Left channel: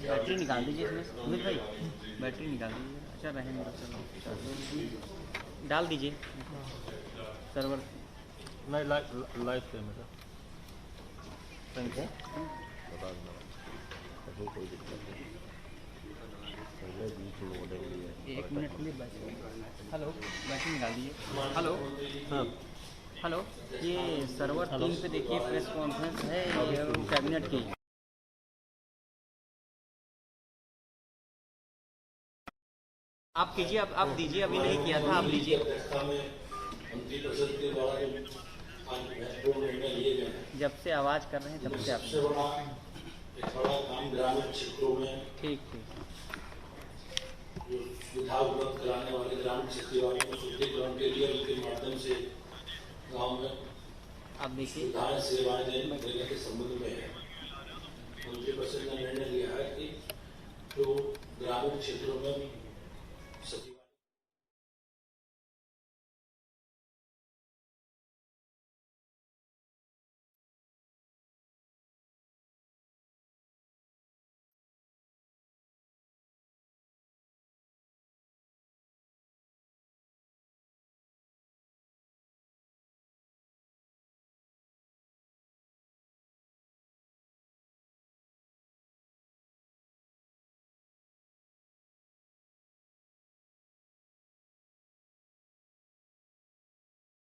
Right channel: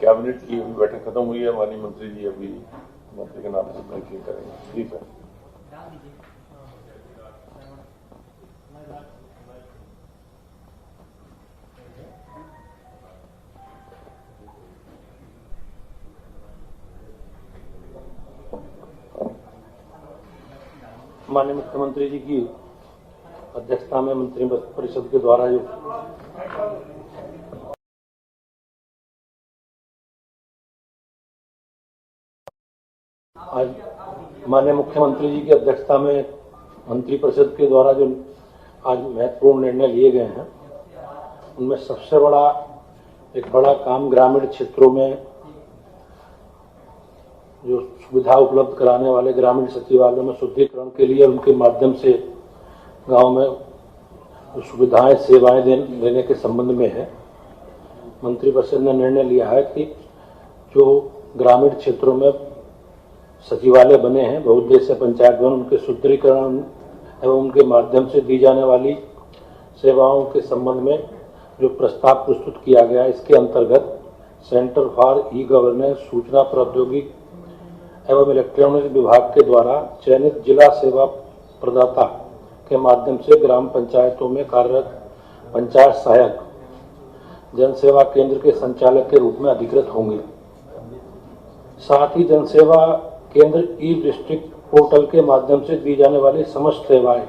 Cabinet की बैठक खत्म हुई है, माननीय मंत्री जी अभी मंत्री के नाम से ठीक है, डाल दीजिए सर्वर लाइव पे मेरा। एक मिनट के लिए हेलो बैटिंग डाल दीजिए। माननीय मुख्यमंत्री जी की हेलो अध्यक्षता में मंत्रिमंडल परिषद के द्वारा ये कॉन्फ्रेंस है कैबिनेट की। आप दीजिए, आप दीजिए। माननीय मुख्यमंत्री जी की अध्यक्षता में मंत्रिपरिषद के द्वारा जो आज महत्वपूर्ण निर्णय लिए गए हैं, जब से आवाज कर रहे हैं उनमें सबसे बड़ा एक बड़ा काम ग्रामीण क्षेत्रों में जो सुविधा उपलब्ध कराने वाले ग्रामीण सचिवालयों में सुदृढ़ीकरण के लिए उनके माध्यम से गांव में सुविधाएं सेवाएं देने के संबंध में है। मंत्रिपरिषद ने निर्णय लिया है कि जो ग्रामीण क्षेत्रों में सचिवालय बने हैं, बहुउद्देशीय पंचायत भवन, उनके सुदृढ़ीकरण एवं उनके माध्यम से दी जाने वाली सेवाओं के संबंध में जो प्रस्ताव प्रस्तुत किया गया, इसके अंतर्गत सेंटर फॉर ई गवर्नेंस सूचना प्रौद्योगिकी एवं इलेक्ट्रॉनिक विभाग के द्वारा चयनित जिला सेवा प्रदाता के माध्यम से ग्राम पंचायतों में कार्यरत पंचायत सहायक जनसेवा केंद्र के संचालक के रूप में अधिकृत होंगे। साथ ही जनसेवा केंद्र ई डिस्ट्रिक्ट पोर्टल के माध्यम से दी जाने वाली समस्त सेवाएं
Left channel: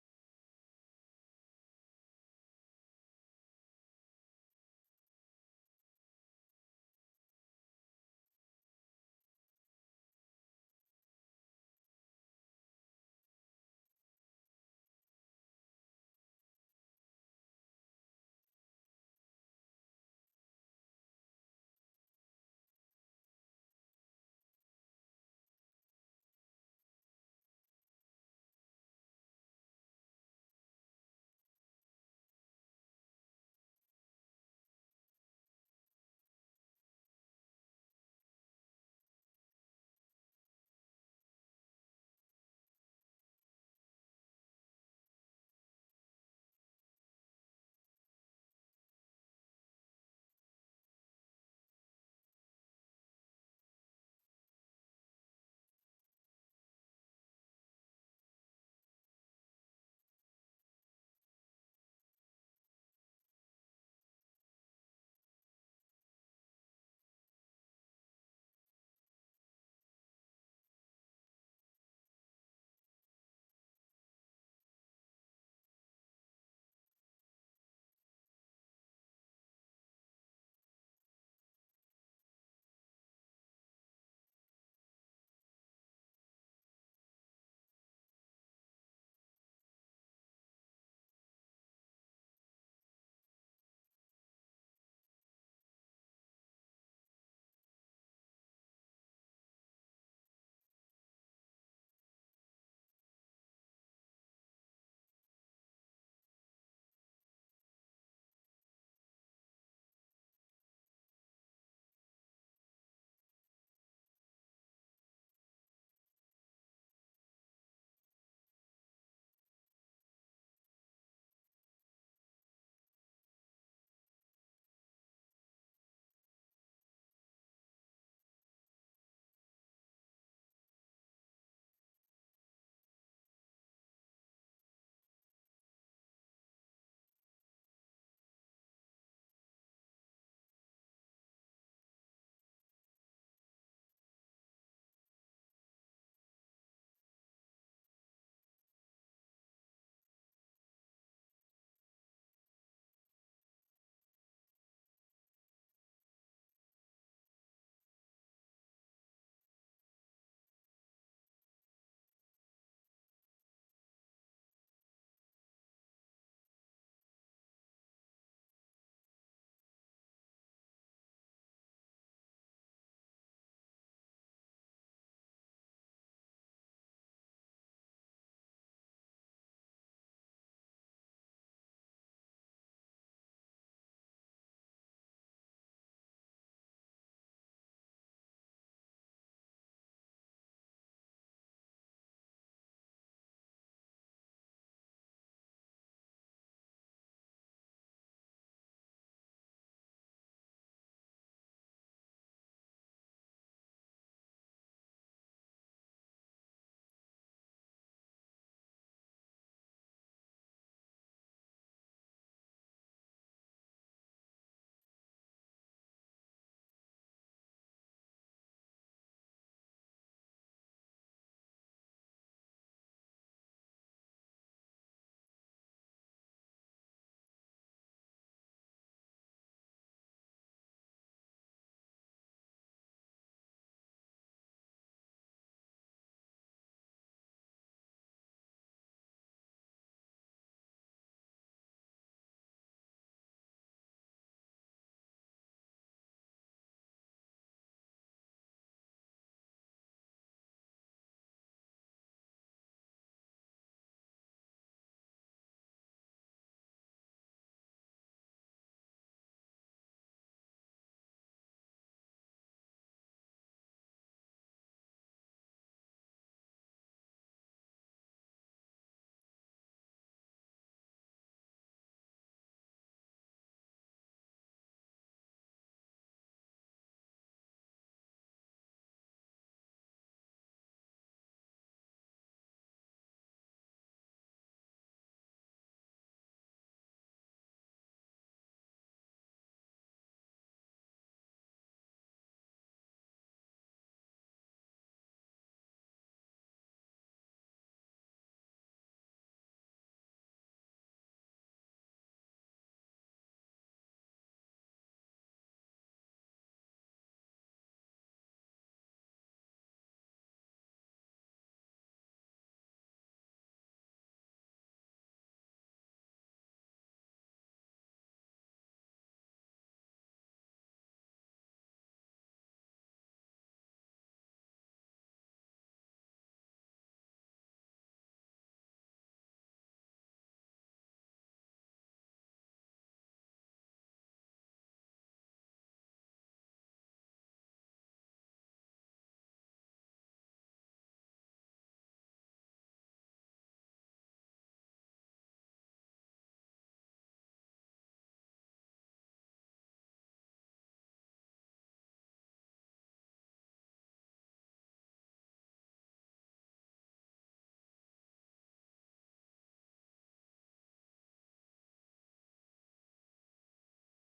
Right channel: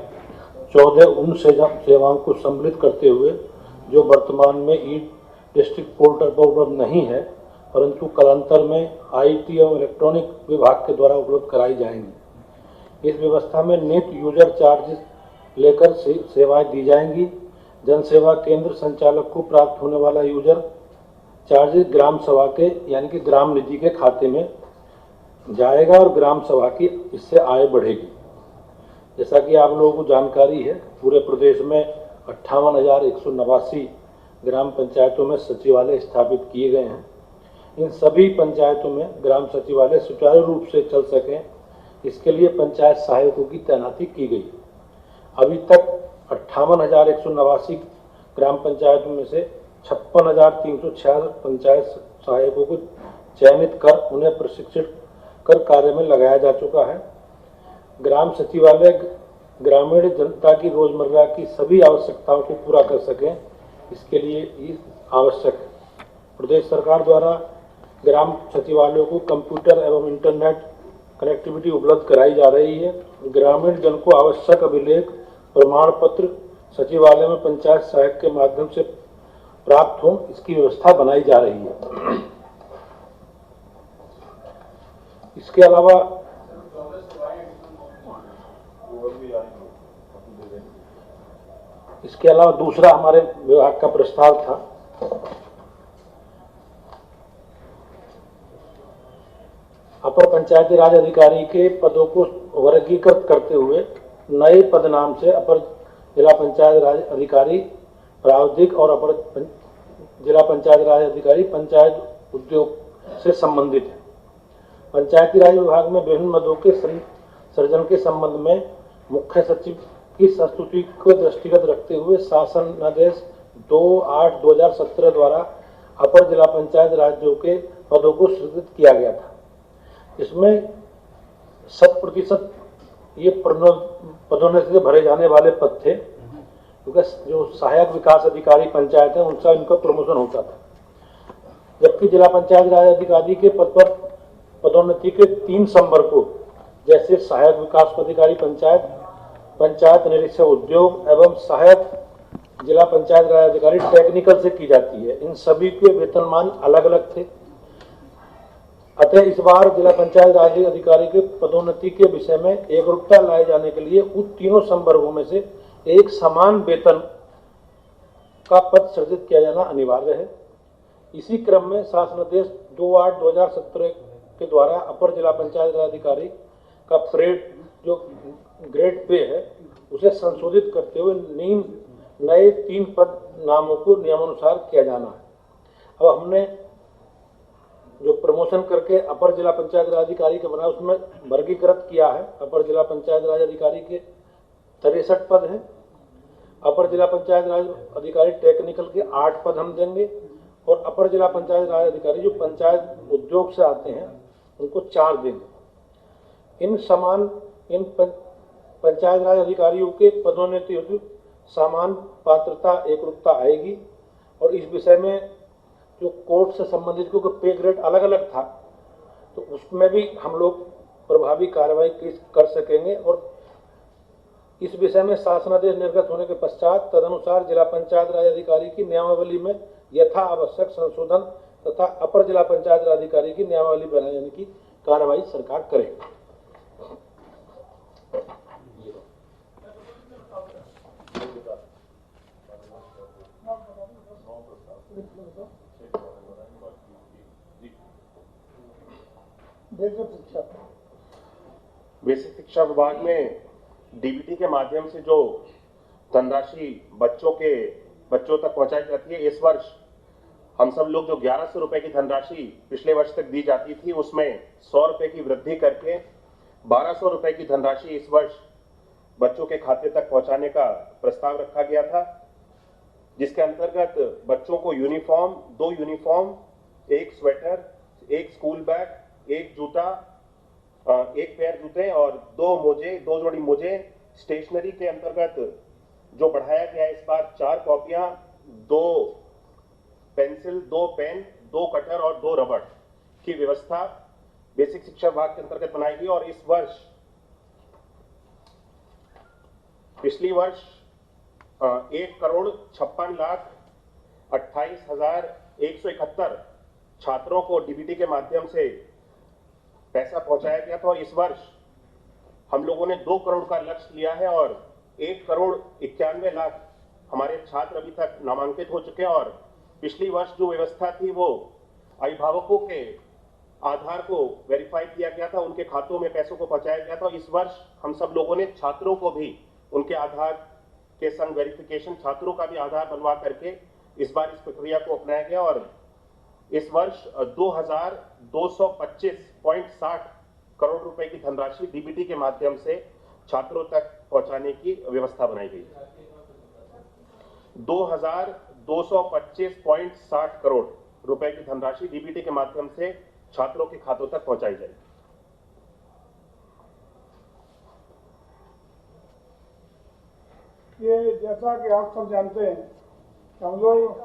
14 उन सेवाओं को सम्मिलित करते हुए जो वर्तमान में ई डिस्ट्रिक्ट पोर्टल पर उपलब्ध नहीं है, परंतु कालांतर में आईटी एवं इलेक्ट्रॉनिक विभाग के द्वारा उपलब्ध कराई जाएंगी। इस व्यवस्था में नेट यूजर चार्ज लेकर सेवाएं दी जाएंगी। जनसेवा केंद्र संचालक को प्राप्त होने वाला यूजर चार्ज ग्राम सभा के यानी कि ग्राम निधि के खाते में जाएगा और ग्राम सभा की इससे आय बढ़ेगी। जैसा कि आप लोगों को जानकारी है, पूरे प्रदेश में 58,189 ग्राम पंचायतों में सचिवालय स्थापित किए गए हैं। इन सभी पंचायतों में ग्राम सचिवालय सुचारू रूप से चल सकें, इसके लिए पंचायत सहायकों की तैनाती की गई। अभी तक 58,189 ग्राम पंचायतों में से 56,366 पंचायत सहायकों को चयनित कर उन्हें प्रशिक्षित कर कार्य में लगाया जा चुका है। ग्राम सचिवालय ग्रामीण जनता की रोजमर्रा की सभी आवश्यकताओं को पूरा कर सकें, इसके लिए आवश्यक है। प्रदेश सरकार द्वारा ग्राम सचिवालयों को कंप्यूटर एवं इंटरनेट कनेक्टिविटी उपलब्ध कराई जा रही है। ग्रामीण जन को आवश्यक अभिलेख प्रमाण पत्र सचिवालय में पंचायत सहायक के माध्यम से प्राप्त हो, इसकी व्यवस्था बनाई जा रही है। इसके अलावा दूसरा हमारे विभाग का प्रस्ताव था, अपर पंचायती राज अधिकारी के पदों को वर्गीकृत करते हुए नए पद नाम से अपर जिला पंचायत राज अधिकारी प्रावधिक और अपर जिला पंचायत राज अधिकारी पंचायत उद्योग से संबंधित है। पंचायती राज विभाग में विभिन्न पदों के सृजन के संबंध में मुख्य सचिव की संस्तुति को दृष्टिगत रखते हुए शासन आदेश 2/8/2017 द्वारा अपर जिला पंचायत राज्यों के पदों को सृजित किया गया था। इसमें 100% ये पदोन्नति से भरे जाने वाले पद थे, क्योंकि जो सहायक विकास अधिकारी पंचायत है उनका इनका प्रमोशन होता था। जबकि जिला पंचायत राज अधिकारी के पद पर पदोन्नति के 3 संवर्ग को, जैसे सहायक विकास अधिकारी पंचायत, पंचायत निरीक्षक उद्योग एवं सहायक जिला पंचायत राज अधिकारी टेक्निकल से की जाती है, इन सभी के वेतनमान अलग अलग थे। अतः इस बार जिला पंचायत राज अधिकारी के पदोन्नति के विषय में एकरूपता लाए जाने के लिए उन तीनों संवर्गों में से एक समान वेतन का पद सृजित किया जाना अनिवार्य है। इसी क्रम में शासनादेश 2/8/2017 के द्वारा अपर जिला पंचायत राज अधिकारी का जो ग्रेड पे है उसे संशोधित करते हुए नए 3 पद नामों को नियमानुसार किया जाना है। अब हमने जो प्रमोशन करके अपर जिला पंचायत राज अधिकारी का बना उसमें वर्गीकृत किया है। अपर जिला पंचायत राज अधिकारी के 63 पद हैं। अपर जिला पंचायत राज अधिकारी टेक्निकल के 8 पद हम देंगे और अपर जिला पंचायत राज अधिकारी जो पंचायत उद्योग से आते हैं उनको 4 देंगे। इन पंचायत राज अधिकारियों के पदोन्नति हेतु समान पात्रता एकरूपता आएगी और इस विषय में जो कोर्ट से संबंधित, क्योंकि पे ग्रेड अलग अलग था, तो उसमें भी हम लोग प्रभावी कार्रवाई कर सकेंगे और इस विषय में शासनादेश निर्गत होने के पश्चात तदनुसार जिला पंचायत राज अधिकारी की नियमावली में यथा आवश्यक संशोधन तथा अपर जिला पंचायत राज अधिकारी की नियमावली बनाने की कार्रवाई सरकार करेगी। बेसिक शिक्षा विभाग में डीबीटी के माध्यम से जो धनराशि बच्चों तक पहुंचाई जाती है, इस वर्ष हम सब लोग जो 1100 रुपए की धनराशि पिछले वर्ष तक दी जाती थी उसमें 100 रुपए की वृद्धि करके 1200 रुपए की धनराशि इस वर्ष बच्चों के खाते तक पहुंचाने का प्रस्ताव रखा गया था, जिसके अंतर्गत बच्चों को uniform, 2 uniform, 1 sweater, 1 school bag, 1 जूता, 1 पेयर जूते और 2 जोड़ी मोजे, स्टेशनरी के अंतर्गत जो बढ़ाया गया है इस बार 4 कॉपियां, 2 पेंसिल, 2 पेन, 2 कटर और 2 रबड़ की व्यवस्था बेसिक शिक्षा विभाग के अंतर्गत बनाई गई और इस वर्ष पिछली वर्ष 1,56,28,171 छात्रों को डीबीटी के माध्यम से पैसा पहुंचाया गया था और इस वर्ष हम लोगों ने 2 करोड़ का लक्ष्य लिया है और 1,91,00,000 हमारे छात्र अभी तक नामांकित हो चुके हैं और पिछली वर्ष जो व्यवस्था थी वो अभिभावकों के आधार को वेरीफाई किया गया था, उनके खातों में पैसों को पहुंचाया गया था। इस वर्ष हम सब लोगों ने छात्रों को भी उनके आधार के संग वेरिफिकेशन, छात्रों का भी आधार बनवा करके इस बार इस प्रक्रिया को अपनाया गया और इस वर्ष 2,225.60 करोड़ रुपए की धनराशि डीबीटी के माध्यम से छात्रों तक पहुंचाने की व्यवस्था बनाई गई। 2,225.60 करोड़ रुपए की धनराशि डीबीटी के माध्यम से छात्रों के खातों तक पहुंचाई जाएगी। ये जैसा कि आप सब जानते हैं, हम लोग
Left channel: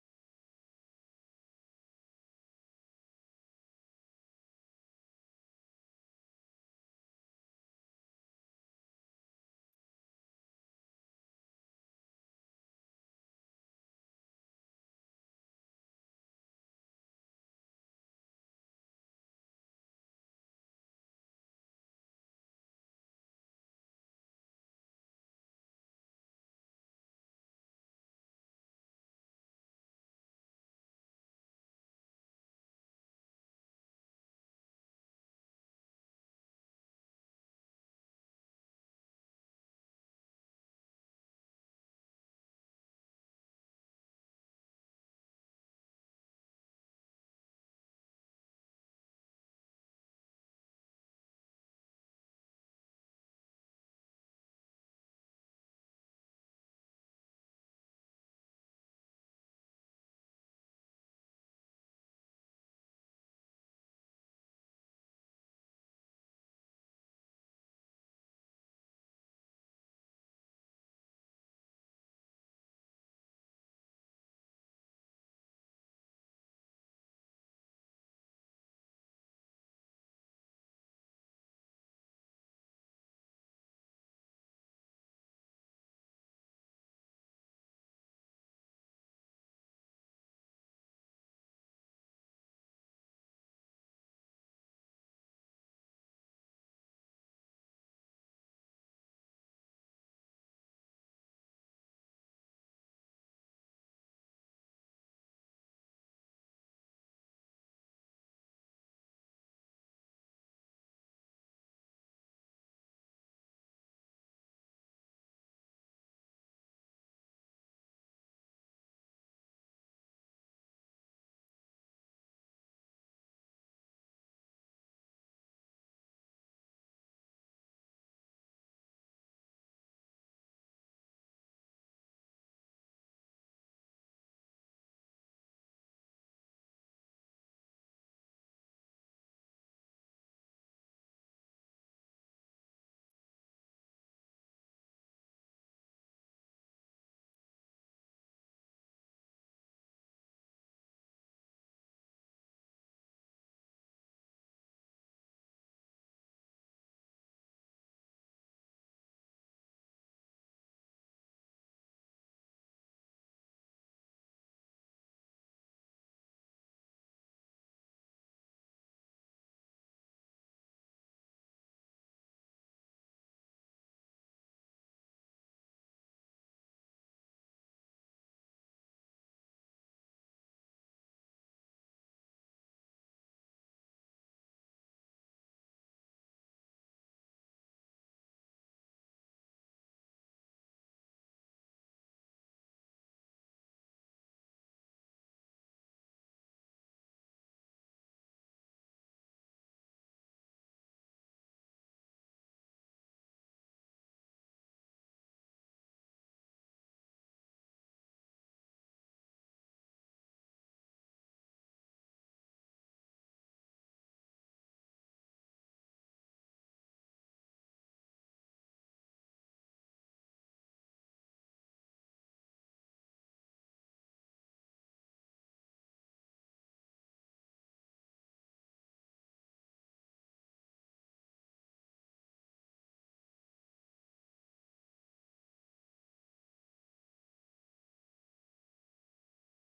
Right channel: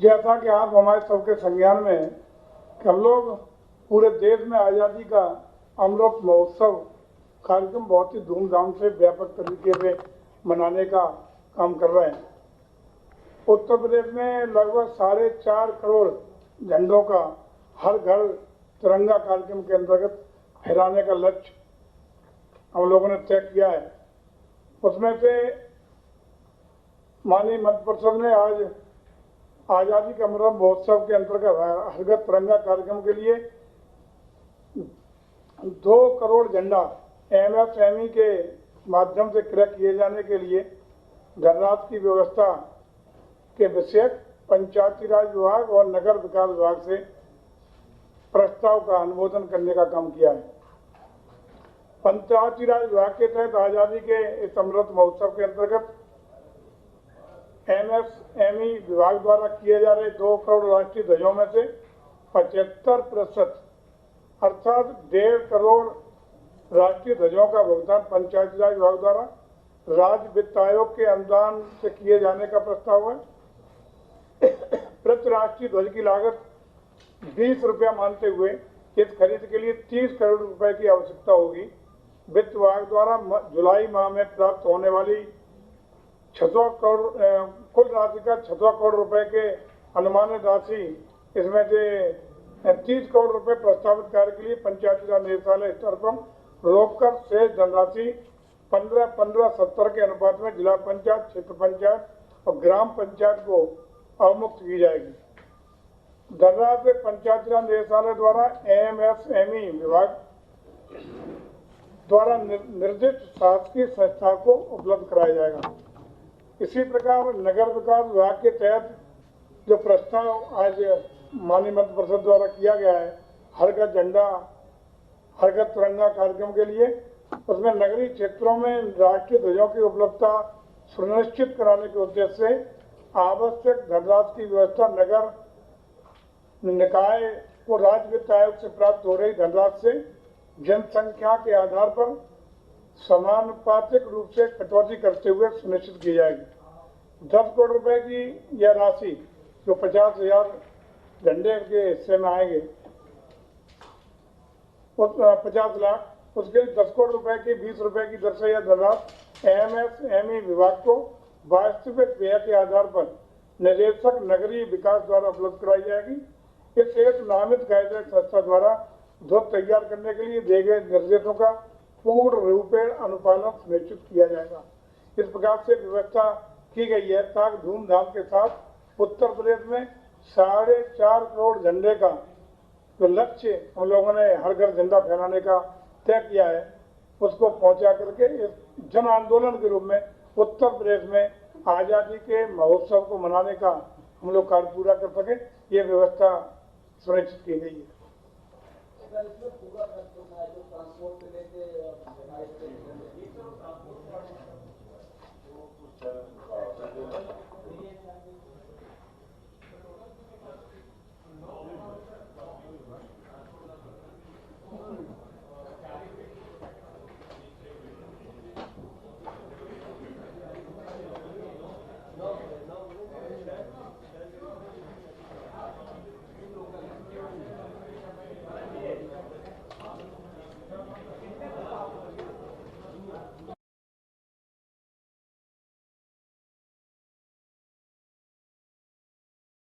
जैसा कि आप हमारे सबके संज्ञान में हैं कि हम लोग पूरे देश में आज़ादी का अमृत महोत्सव कार्यक्रम बहुत ही धूमधाम से व्यापक तरीके से मनाने का काम कर रहे हैं। उत्तर प्रदेश में लगभग 4.5 करोड़ झंडों का हर घर तिरंगा कार्यक्रम के अंतर्गत फहराने का लक्ष्य हम लोगों ने तय किया है। उसमें से माननीय मंत्रि परिषद ने आज आज़ादी का अमृत महोत्सव के अंतर्गत हर घर तिरंगा कार्यक्रम के लिए 2 करोड़ झंडा MSME के माध्यम से क्रय किए जाने के लिए धनराशि की व्यवस्था के विषयक पंचायती राज विभाग और नगर विकास विभाग से प्रस्ताव का अनुमोदन करने का काम किया है। पंचायती राज विभाग के तहत आज़ादी के इस अमृत महोत्सव के अंतर्गत MSME विभाग द्वारा किए जा रहे 2 करोड़ राष्ट्रीय ध्वजों में से 75% अर्थात 1.5 करोड़ राष्ट्रीय ध्वजों का भुगतान पंचायती राज विभाग द्वारा राज्य वित्त आयोग के अनुदान से किए जाने का प्रस्ताव है। प्रति राष्ट्रीय ध्वज की लागत 20 रुपया मानते हुए इस खरीद के लिए 30 करोड़ रुपए की आवश्यकता होगी। वित्त विभाग द्वारा जुलाई माह में प्राप्त होने वाली 600 करोड़ कुल राशि का 600 करोड़ रुपए के अनुमानित राशि, इसमें से 30 करोड़ रुपए प्रस्तावित कार्य के लिए पंचायती राज निदेशालय स्तर पर रोककर शेष धनराशि 15-15-70 के अनुपात में जिला पंचायत, क्षेत्र पंचायत और ग्राम पंचायत को अवमुक्त की जाएगी। धनराशि पंचायती राज निदेशालय द्वारा MSME विभाग द्वारा निर्दिष्ट शासकीय संस्था को उपलब्ध कराया जाएगा। इसी प्रकार नगर विकास विभाग के तहत जो प्रस्ताव आज माननीय मंत्रि परिषद द्वारा किया गया है, हर घर झंडा हर घर तिरंगा कार्यक्रम के लिए उसमें नगरीय क्षेत्रों में राष्ट्रीय ध्वजों की उपलब्धता सुनिश्चित कराने के उद्देश्य से आवश्यक धनराशि की व्यवस्था नगर निकाय को राज्य वित्त आयोग से प्राप्त हो रही धनराशि से जनसंख्या के आधार पर समानुपातिक रूप से कटौती करते हुए सुनिश्चित की जाएगी। 10 करोड़ रुपए की यह राशि जो 50,000 झंडे के हिस्से में आएंगे, 50 लाख, उसके 10 करोड़ रुपए की 20 रुपए की दर से यह धनराशि एमएसएमई विभाग को वास्तविक व्यय के आधार पर निदेशक नगरीय विकास द्वारा उपलब्ध कराई जाएगी। इस एक नामित गाइडलाइन संस्था द्वारा ध्वज तैयार करने के लिए दिए गए निर्देशों का पूर्ण रूपेण अनुपालन सुनिश्चित किया जाएगा। इस प्रकार से व्यवस्था की गई है ताकि धूमधाम के साथ उत्तर प्रदेश में 4.5 करोड़ झंडे का जो लक्ष्य हम लोगों ने हर घर झंडा फहराने का तय किया है, उसको पहुंचा करके इस जन आंदोलन के रूप में उत्तर प्रदेश में आज़ादी के महोत्सव को मनाने का हम लोग कार्य पूरा कर सके, ये व्यवस्था सुनिश्चित की गई है।